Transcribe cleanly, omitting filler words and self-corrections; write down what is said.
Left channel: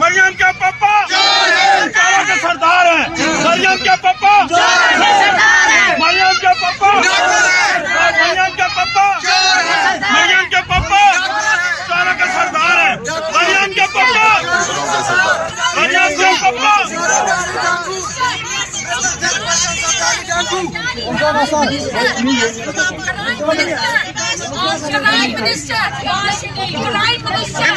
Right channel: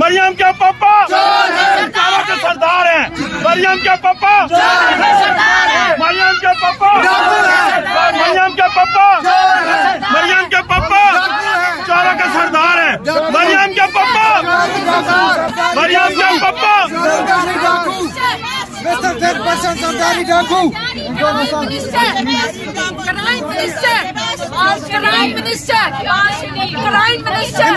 मरियम के पापा चारा के सरदार हैं। मरियम के पापा मरियम के पापा मरियम के पापा मरियम के पापा चारों के सरदार हैं। मरियम के पापा मरियम के पापा Minister,